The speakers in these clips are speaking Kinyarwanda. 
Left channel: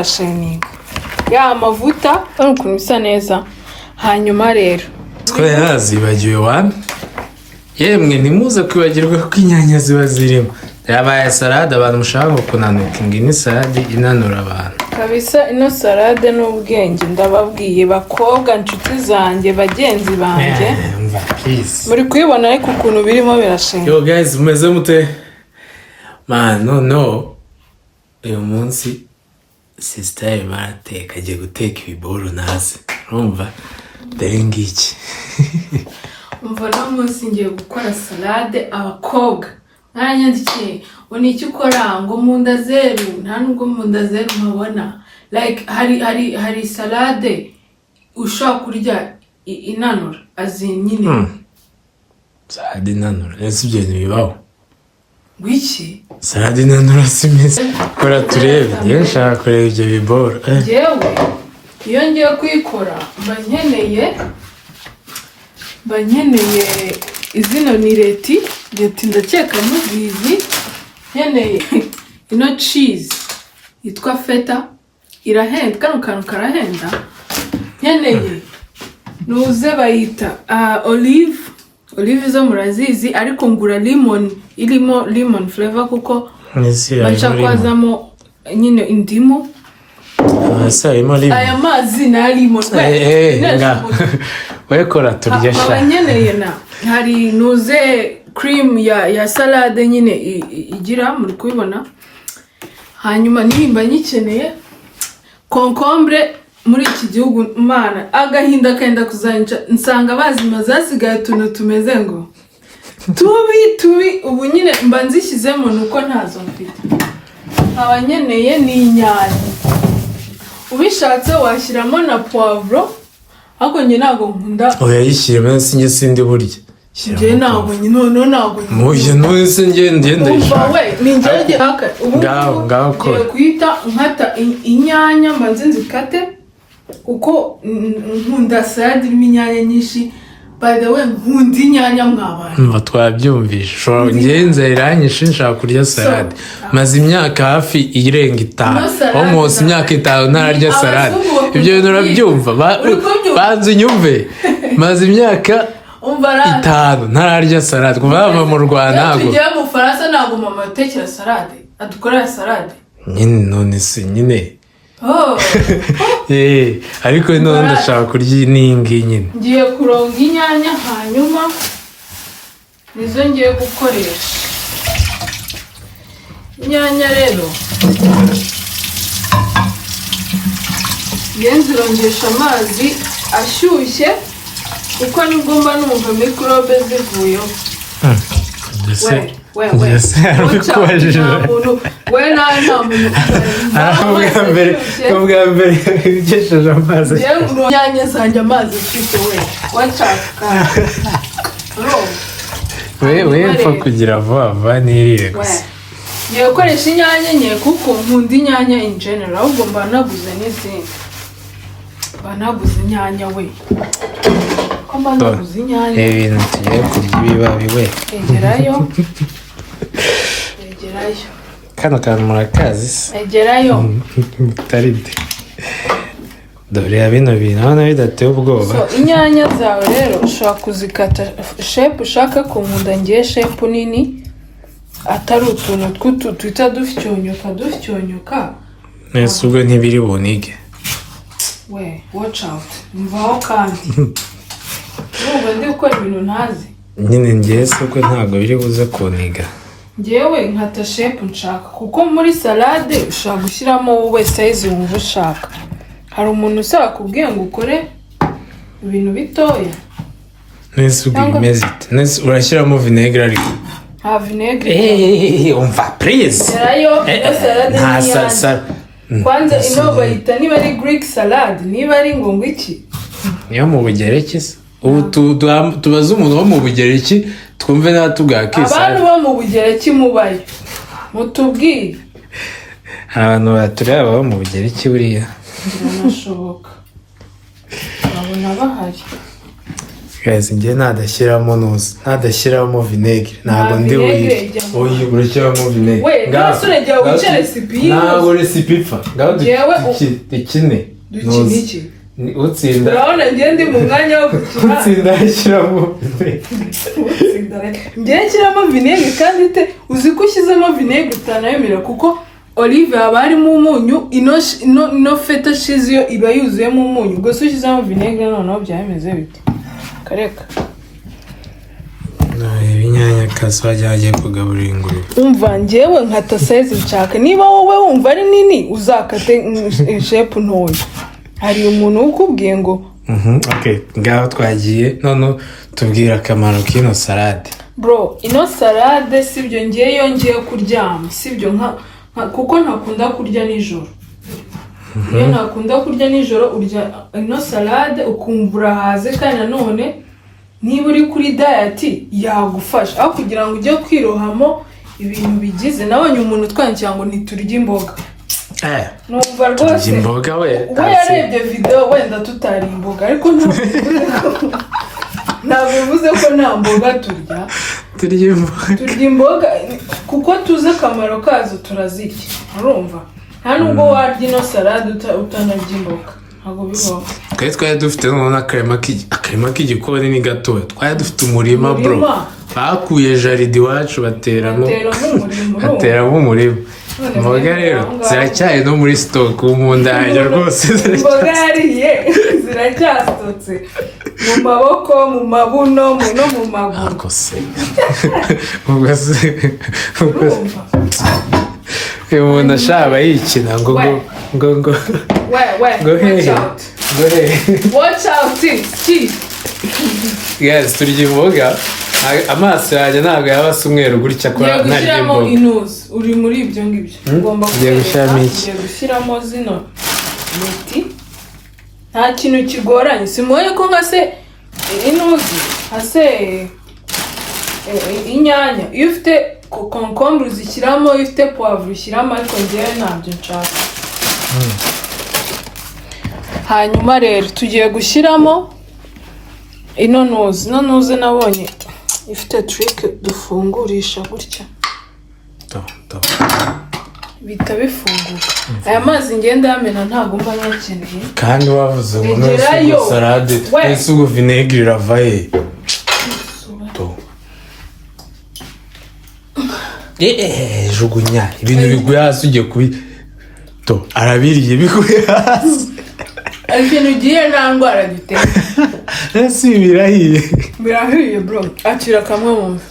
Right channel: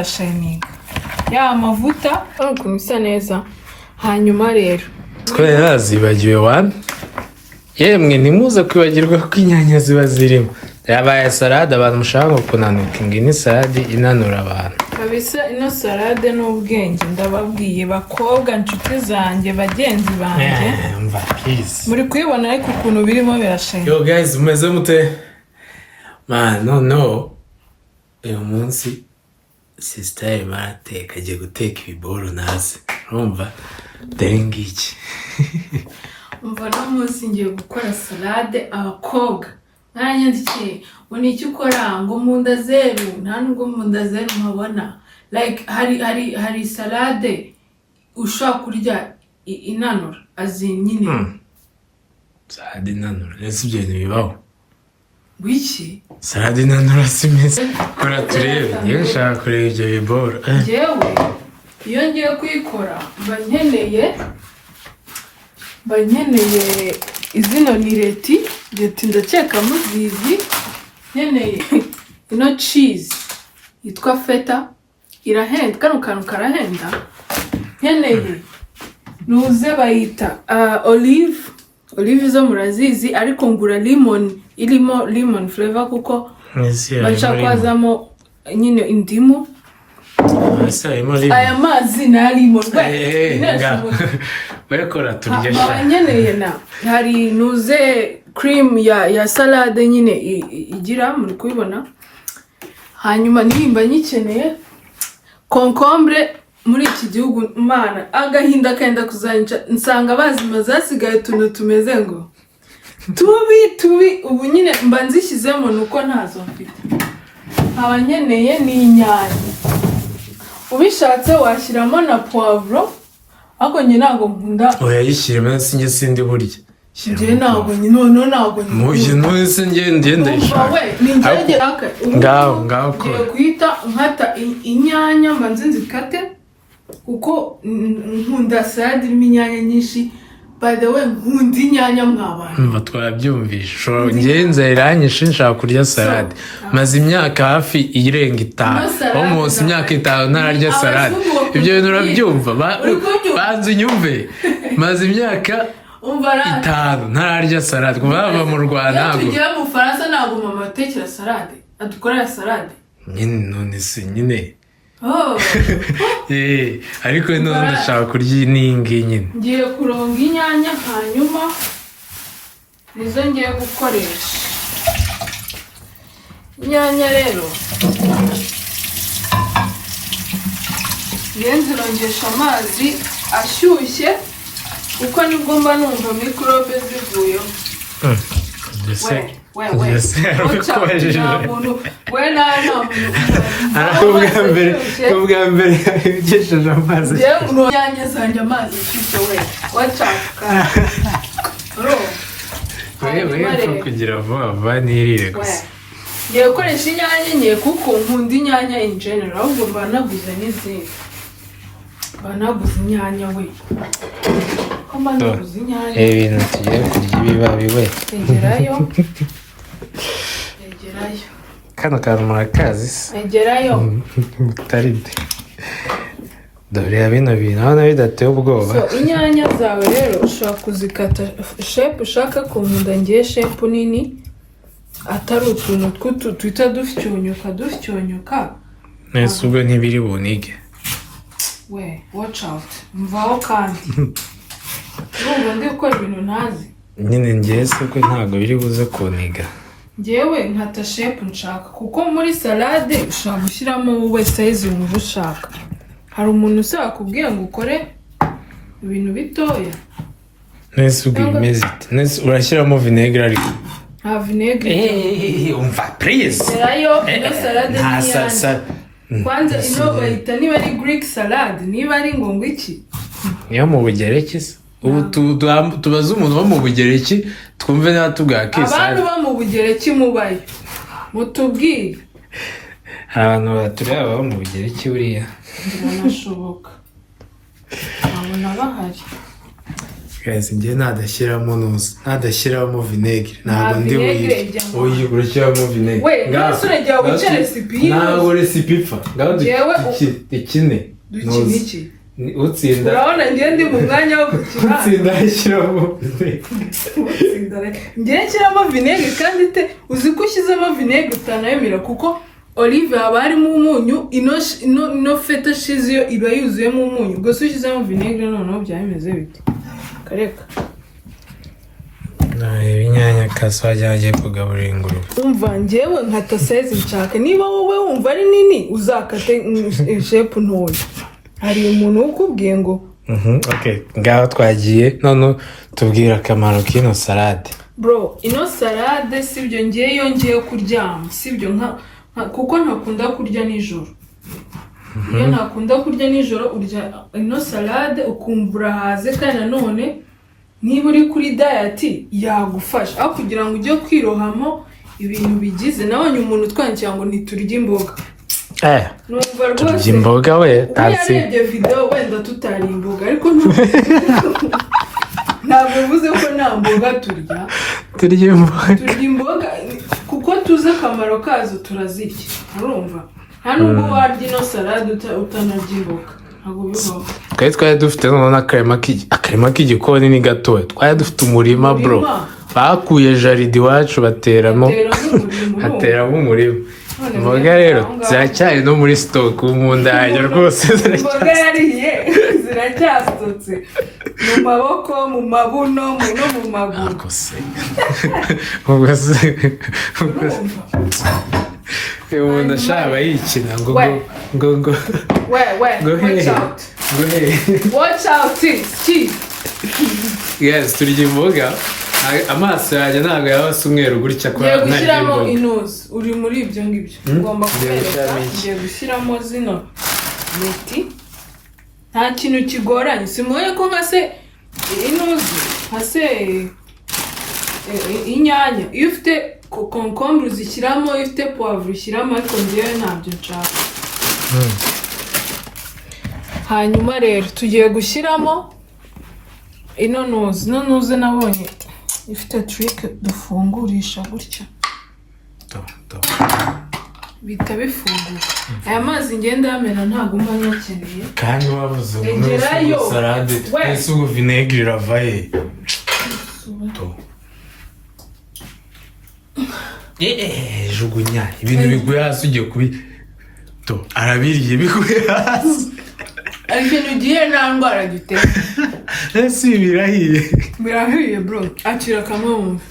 birashininga ya mavuta ukuntu bisa neza. Hanyuma rero twe yarazibagiwe wana yemwe ntimuze kwibagirwa ko inyanya ziba zirimo. Yabaye salade abantu mushaka kunanuka ingini salade inanura abantu kabisa. Ino salade n'ubwenge ndababwiye bakobwa nshuti zanjye bagenzi banjye mva please muri kuyibona ariko ukuntu birimo birashinga. Yo guys mumeze mute man? No uyu munsi sister barateka agiye guteka ibiboro naze urumva ngiki umva no munsi ngiye gukora salade abakobwa ntanyandikiye oni icyo ukora ngo munda zeru nta nubwo munda zeru mpabona like hari salade ushobora kurya inanura nyine salade inanura ese ibyo ntibibaho wiki salade inanura simeze kora turebe ngiye nshaka kureba ibyo biboro njyewe iyo ngiye kuyikora mba nkeneye izino ni leti ndakeka muzizi. Nkeneye ino cheese yitwa feta irahenda, kano kantu karahenda. Nkeneye nuze bayita olive zo murazizi ariko ngura lemon irimo lemon flavor kuko bacha kwazamo nyine indimu. Aya mazi na lemon wekora turya sha. Nkeneye na hari nuze cream ya salade nyine igira muri kubibona. Hanyuma nimba nyikeneye concombre muri iki gihugu mana agahinda kenda kuzanca nsanga bazima zasigaye tuntu tumeze ngo tubi ubu nyine mba nzishyizemo nuko ntazo mfite. Abanyeneye ni inyanya ubishatse washyiramo na poivro ariko njye ntago nkunda oyayishyiremo sinjye sindi burya njye ntago none ntago muje nose njye ndayishaka we ni njye haka ngaho ko kwita nkata inyanya mbanze nzikate kuko nkunda salade irimo inyanya nyinshi. By the way nkunda inyanya mwabana mva twabyumvisha ngenze iranyishe nshaka kurya salade maze imyaka hafi irenga 5 almost imyaka 5 ntararya salade. Ibyo bintu urabyumva banze nyumve maze imyaka 5 ntararya salade kuva bava mu Rwanda ntago tujya mu Faransa ntago mama atekera salade adukorera salade nyine none se nyine ariko none ndashaka kurya ningi nyine ngiye kuronga inyanya hanyuma nizo ngiye gukoresha. Inyanya rero yenzirongesha amazi ashyushye uko nibwo mba numva microbe zivuyeho. ubwa mbere ugesheje amazi inyanya zanjye amazi ufite we wacaka wepfa kugira vuba nirire gusa. Ngiye gukoresha inyanya nke kuko nkunda inyanya in general ahubwo mba naguze n'izindi banaguze inyanya we ko mba naguze inyanya ibintu tugiye kurya ibibabi we egerayo kano kantu murakazi egerayo taride dore bino bintu hano bidateye ubwoba. Inyanya zawe rero ushaka kuzikata shape ushaka ko nkunda ngiye shape nini atari utuntu tw'utu twita dufyonyoka nese ubwo ntibiri bunige we watch out mvaho kandi urumva ndi gukora ibintu ntazi nyine ngiye se ko ntabwo biri buze kuniga ngewe nkata shape nshaka kuko muri salade ushaka gushyiramo wowe size wumva ushaka. Hari umuntu usaba kubwira ngo ukore ibintu bitoya nese ubwo bimeze nese urashyiramo vinegre ariko nta vinegre umva please gerayo ino salade n'inyanya kwanza ino bayita niba ari Greek salad niba ari ngo iki niyo mu Bugereki se ubu tubaza umuntu wo mu Bugereki twumve niba tubwakisa abantu bo mu Bugereki mubayo mutubwire abantu batureba bo mu Bugereki buriya birashoboka babona bahari guys njye nadashyiramo nuzi nadashyiramo vinegere ntabwo ndi uyu urashyiramo vinegere we ngaho urajya wica recipe ntabwo recipe ipfa ngaho dukine dukiniki utsinda urabona njye ndi mu mwanya wo gukina utsinda ashyiramo njye nshyiramo vinegere kandi uzi ko ushyizemo vinegere utanayemera kuko olive haba harimo umunyu ino feta cheese yo iba yuzuyemo umunyu ubwo se ushyizemo vinegere noneho byameze bite kareka ibinyanya kaso wajya kugaburira ingurube umva njyewe nkata size nshaka niba wowe wumva ari nini uzakate shape ntoya hari umuntu ukubwiye ngo okay ngaho twagiye none tubwira akamaro k'ino salade bro ino salade sibyo ngiye kuryama sibyo kuko ntakunda kurya nijoro iyo ntakunda kurya nijoro urya ino salade ukumva urahaze kandi nanone niba uri kuri diet yagufasha aho kugira ngo ujye kwirohamo ibintu bigize nabonye umuntu twangira ngo ntiturye imboga numva rwose imboga we yarebye video wenda tutari imboga ariko ntabwo bivuze ko nta mboga turya imboga kuko tuzi akamaro kazo turazirya urumva nta nubwo warya ino salade utanarya imboga ntabwo bibaho twari dufite noneho akarima k'igikoni ni gatoya twari dufite umurima bro bakuye jaride iwacu bateramo umurima imboga rero ziracyari no muri stock mu ndahajya rwose imboga yariye ziracyasutse mu maboko mu mabuno no mu maguru akose umuntu ashaba yikina ngo watch out cheese yes turya imboga amaso yanjye ntabwo yaba asa umweru gutya kwa ntarya imboga inuzi uri muri ibyo ngibyo ugomba kwereka gushyiramo zino leti nta kintu kigoranye simuye ko nka se inuzi nka se inyanya iyo ufite concombre uzishyiramo iyo ufite poivre ushyiramo ariko njyewe ntabyo nshaka hanyuma rero tugiye gushyiramo ino nuzi nabonye ifite trick dufungurisha gutya bita bifunguka aya mazi ngenda yamena ntabwo mba nyakeneye kandi wavuze ngo none salade twese ubu vinegere iravaye jugunya ibintu biguye hasi ugiye kubi arabiriye biguye hasi ibintu ugiye nta ndwara giteye ese birahiye bro akira kamwe wumva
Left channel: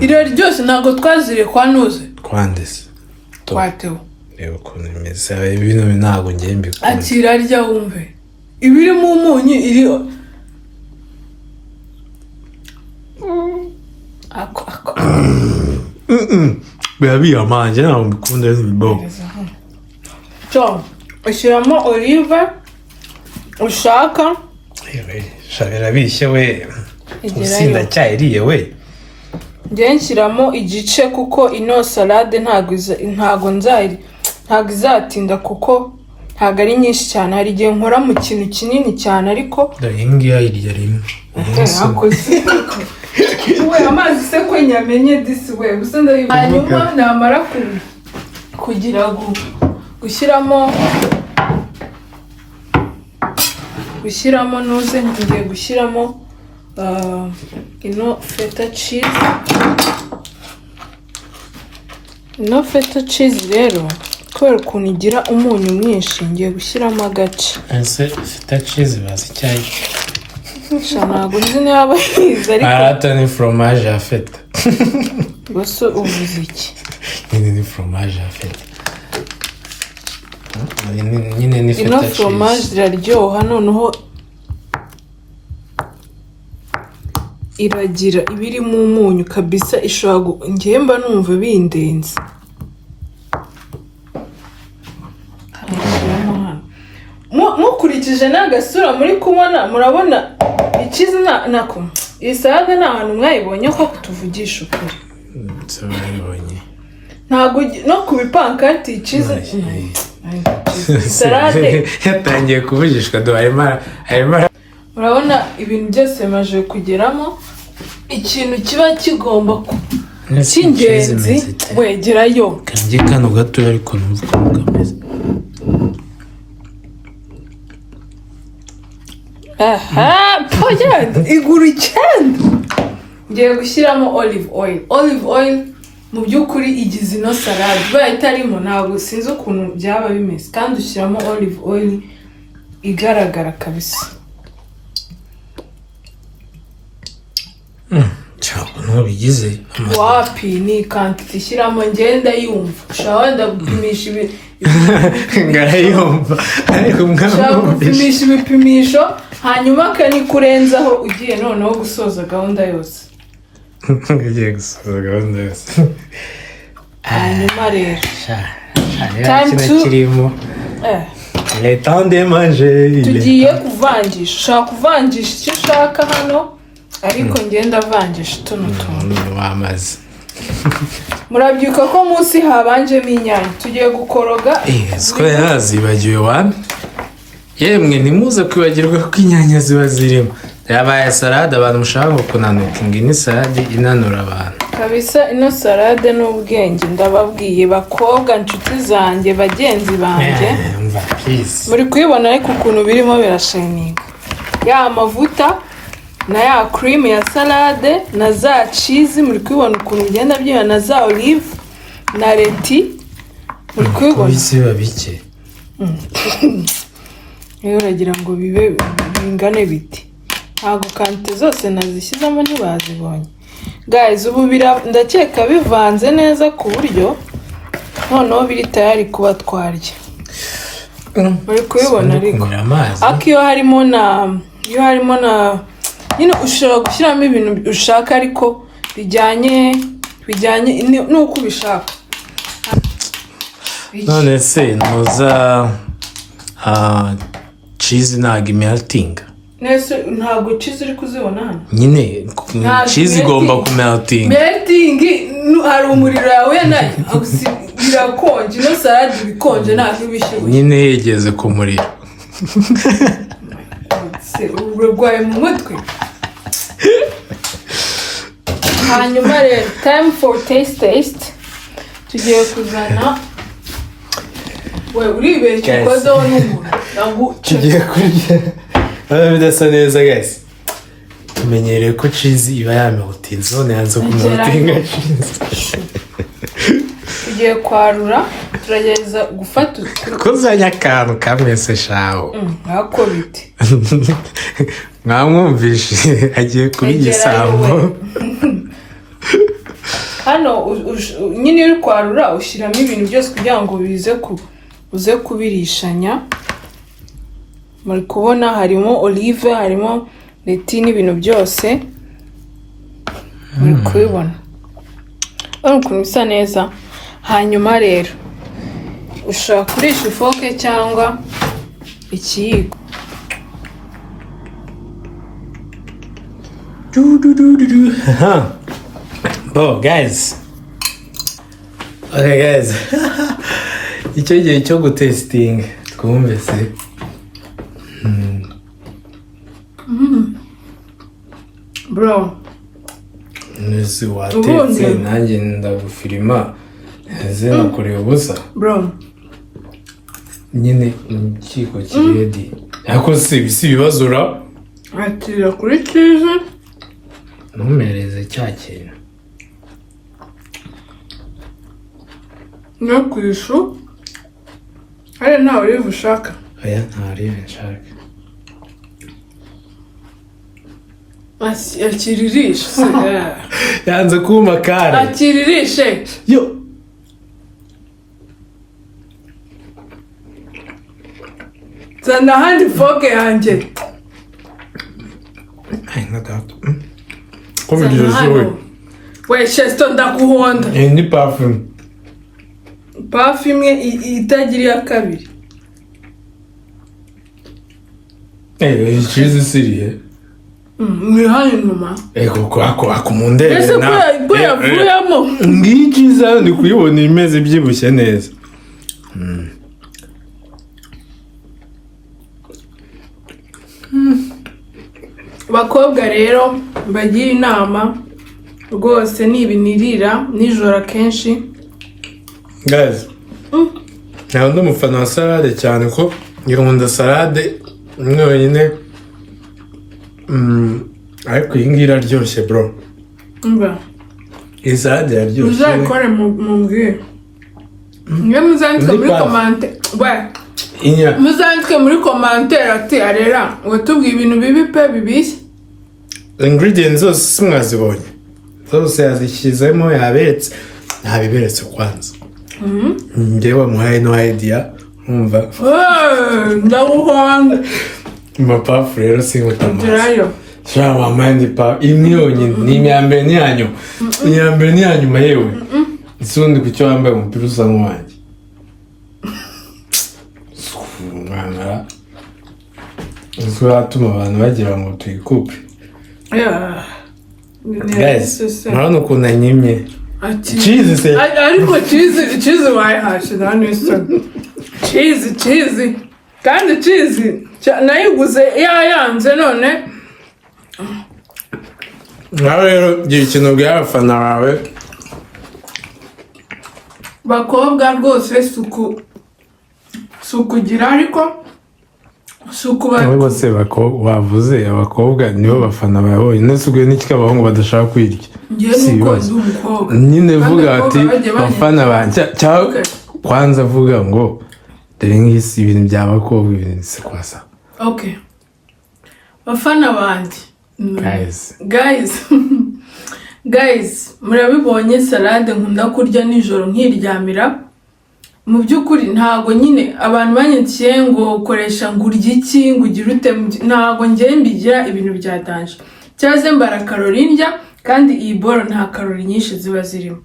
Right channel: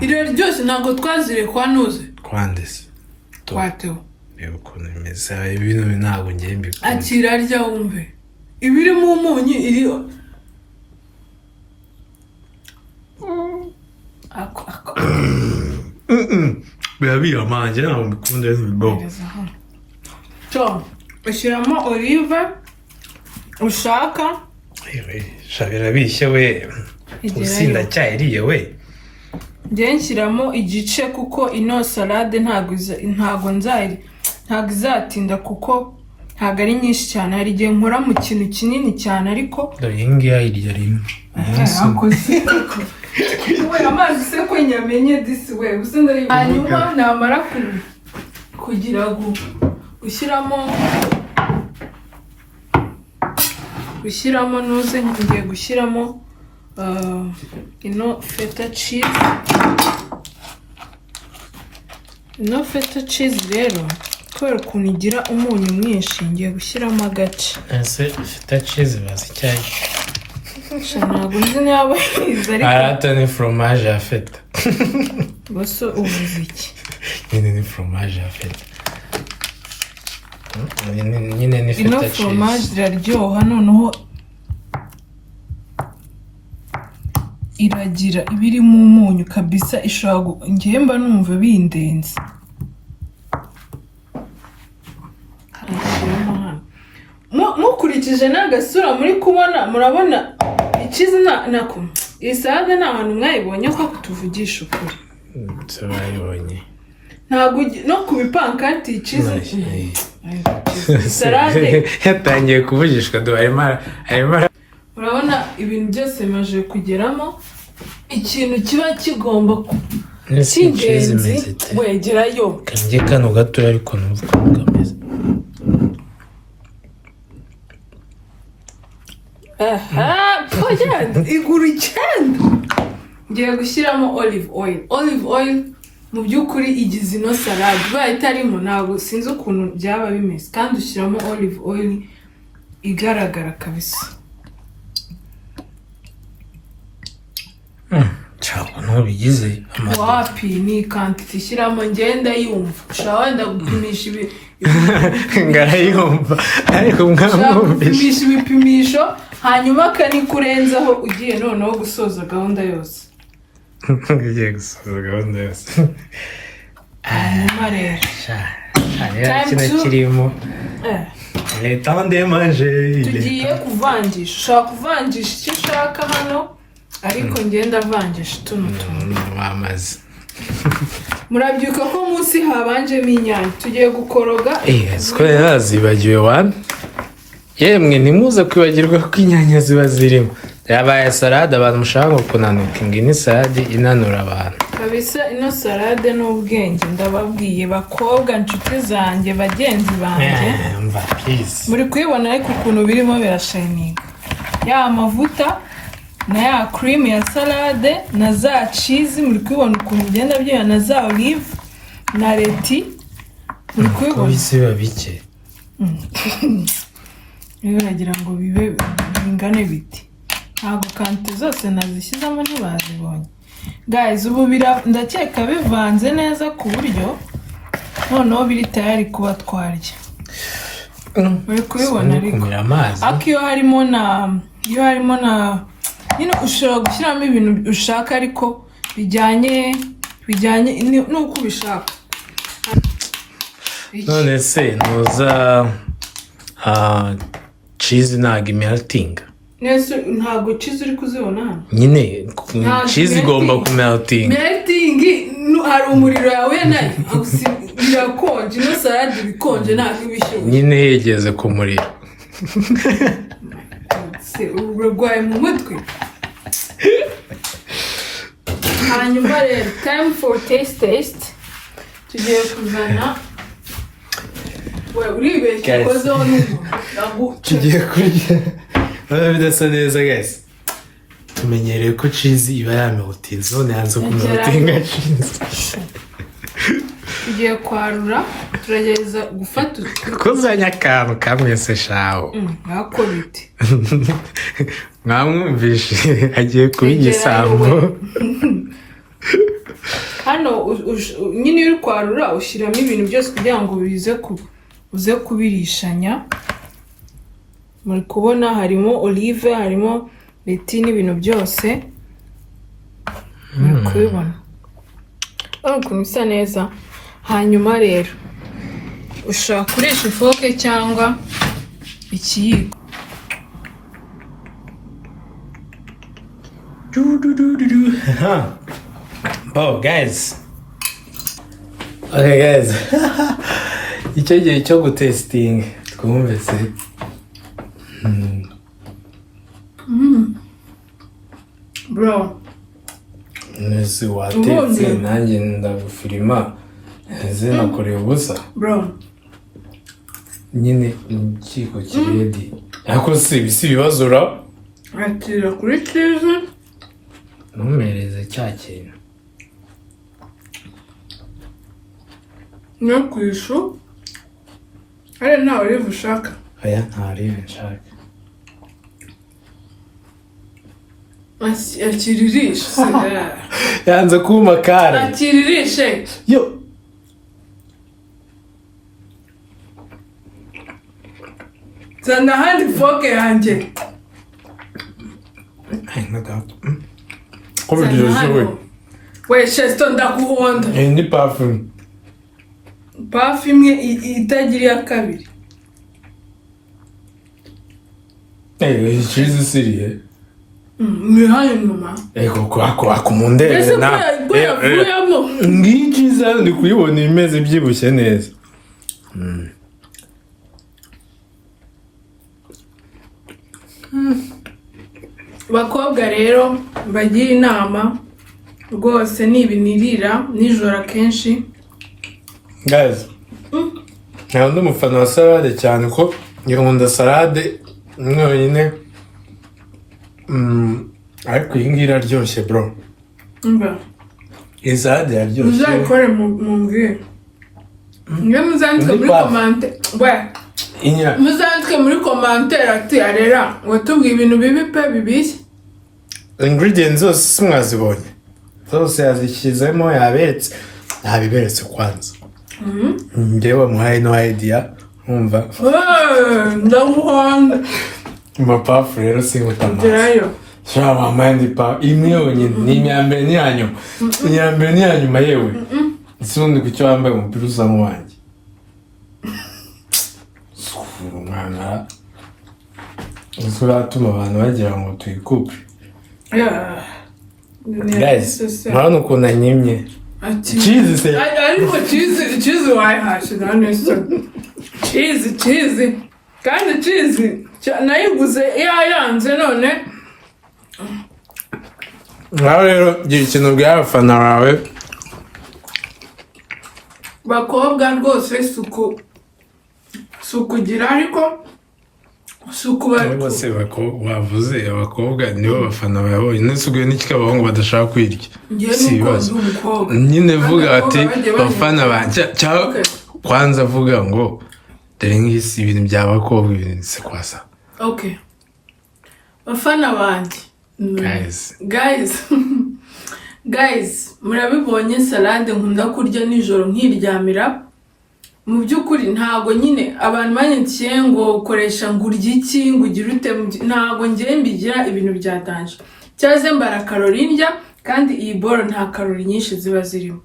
iro ryose ntabwo twazire kwa nuze kwandese kwateho reba ukuntu bimeze ibintu ntabwo ngiye mbikunda akira rya wumve ibiri mu munyu iri ako birabiye amanje ntabwo mbikunda n'ibibogo ushyiramo olive ushaka birabishye we usinda cyayiriye we njye nshyiramo igice kuko ino salade ntabwo izatinda kuko ntabwo ari nyinshi cyane hari igihe nkora mu kintu kinini cyane ariko iyi ngiyi ayirya rimwe we amazi se ko nyamenye disi we hanyuma namara kugira gushyiramo nuze ngiye gushyiramo ino feta cheese rero kubera ukuntu igira umunyu mwinshi ngiye gushyiramo agace ese feta cheese bazi icyayi ntabwo nzi niba yize ariko arata ni fromage ya feta gusa uvuze iki nyine ni fromage ya feta nyine ni feta cheese ino fromage iraryoha noneho iragira ibirimo umunyu kabisa ishobora ngiye mba numva bindenze mukurikije n'agasura muri kubona murabona ikizi nako iyi salade nta hantu mwayibonye ko kutuvugisha ukuri bayibonye ntabwo no ku bipankati ikizi salade yatangiye kuvugishwa arimo urabona ibintu byose maje kugeramo ikintu kiba kigomba cy'ingenzi wegerayo kanjye kano gato ariko numva ko kameze igura icyenda ngiye gushyiramo olive oil mu by'ukuri igize ino salade baye itarimo ntabwo sinzi ukuntu byaba bimeze kandi ushyiramo olive oil igaragara kabisa cyangwa ntubigize wapi ni kantite ishyiramo ngenda yumva ushaka wenda gupimisha ngarayumva ariko gupimisha ibipimisho hanyuma akanikurenzaho ugiye noneho gusoza gahunda yose ugiye gusoza gahunda yose hanyuma rero kino kirimo le temps de manger tugiye kuvangisha ushaka kuvangisha icyo ushaka hano ariko ngenda avangisha tuno tuntu wamaze murabyuka ko munsi habanjemo inyanya tugiye gukoroga siko yazibagiwe wana yemwe ntimuze kwibagirwa ko inyanya ziba zirimo yabaye salade abantu mushaka kunanuka ingini salade inanura abantu kabisa ino salade n'ubwenge ndababwiye bakobwa inshuti zanjye bagenzi banjye muri kuyibona ariko ukuntu birimo birashininga ya mavuta na ya cream ya salade na za cheese muri kubibona ukuntu bigenda byiba na za olive na leti muri kubibona bisiba bike rero uragira ngo bibe bingane biti ntabwo kante zose nazishyizemo ntibazibonye guys ubu ndakeka bivanze neza ku buryo noneho biri tayari kuba twarya muri kubibona ariko iyo harimo na nyine ushobora gushyiramo ibintu ushaka ariko bijyanye n'uko ubishaka none se ntuza cheese ntabwo imeltinga ntabwo cheese uri kuzibona hano nyine cheese igomba kumeltinga hari umuriro yawe nayo birakonje ino salade ibikonje ntabwo ubishyuye nyine yegeze ku muriro urwaye mu mutwe hanyuma rero time for taste tugiye kuzana we uribeshye ukozeho n'umuntu tugiye kurya bidasa neza guys tumenyereye ko cheese iba yameltinze none yanze kumeltinga cheese tugiye kwarura turagereza gufata kuzanya akantu kamwe se shaho ntako biti mwamwumvishe agiye kuba igisambo hano nyine uri kwarura ushyiramo ibintu byose kugira ngo uze kubirishanya muri kubona harimo olive harimo leti n'ibintu byose muri kubibona ukuntu bisa neza hanyuma rero ushobora kurisha ifoke cyangwa ikiyiko guys okay guys icyo gihe cyo gutesitinga twumve se bro nese watetse nanjye ndagufirima zinakoreye ubusa bro nyine ikiko kiredi ariko si ibibazo ra akira kuri cheese ntumereze cya kintu no ku ifu hari nta olive ushaka aya nta olive nshaka akiririshe yanze kuma kare akiririshe yo zana handi foke yanjye ay nagato ko biryoshye we shesto ndakuhonda ni parfum imwe itagira iya kabiri cheese siriye ni hano inyuma kwako mundebe ese ko yavuyemo ngiyi cheese ndi kuyibona imeze byibushye neza bakobwa rero bagira inama rwose ni ibinirira nijoro akenshi guys ntabwo ndi umufana wa salade cyane ko nkunda salade imwe wenyine ariko iyi ngiyi iraryoshye bro mba iyi salade iraryoshye uzayikore mu mbwira niyo muzandike muri komante muzandike muri komantere ati arera watubwiye ibintu bibi pe bibishye ingredients zose simwazibonye zose yazishyizemo yaberetse ntabiberetse kwanza njyewe wamuhaye no idea umva ndaguhanda mapafu rero sinkutamazi gerayo shara wampaye ndi pa imwe yonyine ni imyambere ni iyanyuma yewe isundi ku cyo wambaye umupira usa nk'uwanjye umwana uzi watuma abantu bagira ngo tuyikupe guys murabona ukuntu anyimye cheese se ariko cheese wayihashe hano isoni cheese kandi cheese nayiguze yayanze none nawe rero gira ikintu ubwira abafana bawe bakobwa rwose sukugira ariko bose wavuze abakobwa nibo bafana bawe nasuguye n'iki abahungu badashaka kwirya si ibibazo nyine vuga ati bafana banjye kwanza vuga ngo dore nk'isi ibintu by'abakobwa ibintu si kwasa okay bafana banjye guys murabibonye salade nkunda kurya nijoro nkiryamira mu by'ukuri ntago nyine abantu banyikiye ngo ukoresha ngo urya iki ngo ugire ute ntago ngiye mbigira ibintu byatanje cyaze mbara kalori ndya kandi iyi boro nta kalori nyinshi ziba zirimo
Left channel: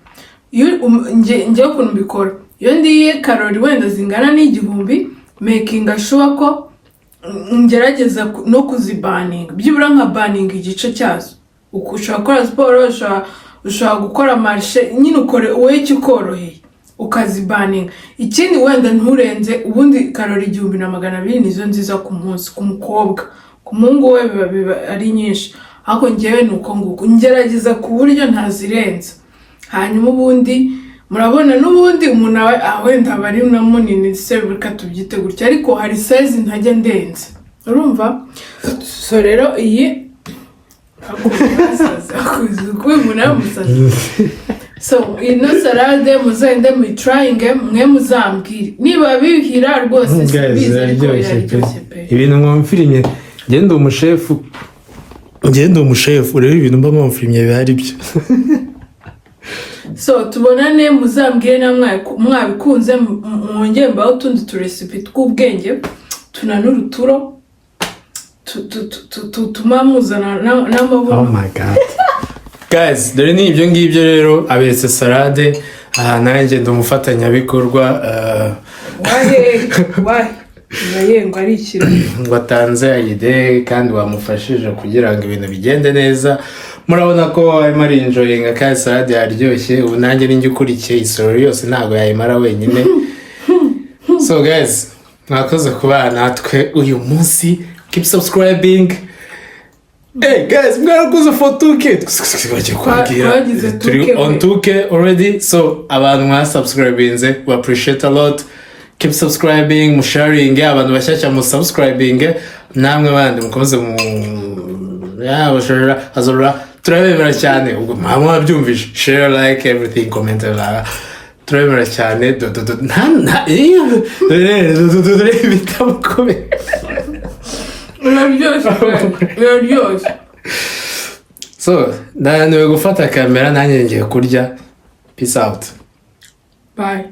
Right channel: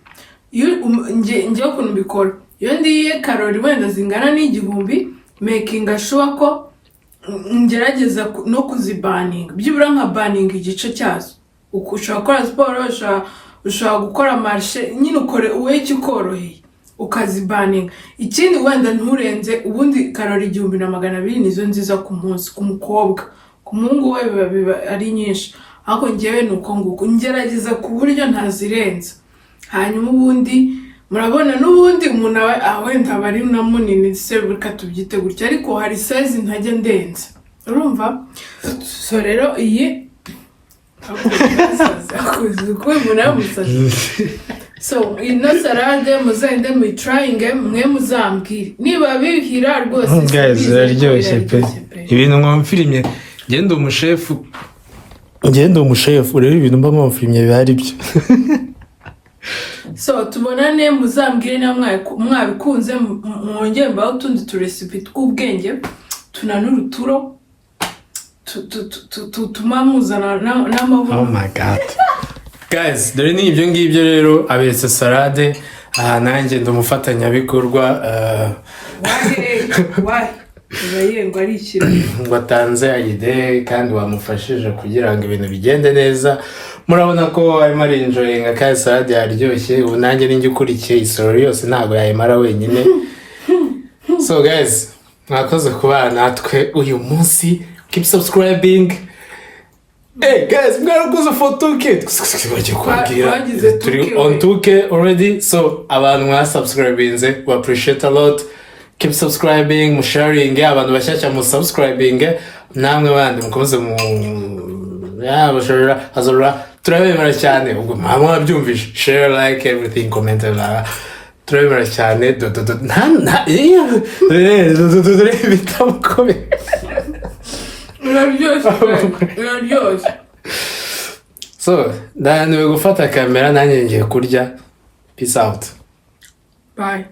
ngiye ukuntu mbikora iyo ndiye kalori wenda zingana n'igihumbi making sure ko ngerageza no kuzibaninga byibura nka baninga igice cyazo ushobora gukora siporo ushobora gukora marshe nyine ukore wowe icyo ukoroheye ukazibaninga ikindi wenda nturenze ubundi kalori 1200 nizo nziza ku munsi ku mukobwa ku muhungu we biba ari nyinshi ariko ngewe nuko nguko ngerageza ku buryo ntazirenza hanyuma ubundi murabona n'ubundi umuntu wenda bari na munini se bika tubyite gutya ariko hari size ntajya ndenze urumva so rero iyi so ino salade muzende mu trying mwe muzambwire niba bihira rwose biraryoshye pe ibintu mwamfirimye ngende umushefu rero ibintu mba mwamfirimye bihari byo so tubonane muzambwire na mwabikunze mwongere mbaho utundi turesipi tw'ubwenge tunanura uturo tutuma muzana n'amabuno oh my god guys dore ni ibyo ngibyo rero abetse salade nanjye ndumufatanyabikorwa ngo arikira ngo atanze ide kandi wamufashije kugira ngo ibintu bigende neza murabona ko arimo arinjoyinga kandi salade yaryoshye ubu nanjye ninjye ukurikiye isoro yose ntabwo yayimara wenyine so guys mwakoze kubana natwe uyu munsi keep subscribing hey guys mwarakoze for 2K baje kwabwira turi on 2K already so abantu mwasubscribinze we appreciate a lot keep subscribing musharing abantu bashyashya mu subscribing namwe bandi mukomeze mu bashora azora turabemera cyane ubwo mama wabyumvishe share like everything comment turabemera cyane bitamukomeye biraryoshye so ndananiwe gufata kamera nanjye ngiye kurya peace out bye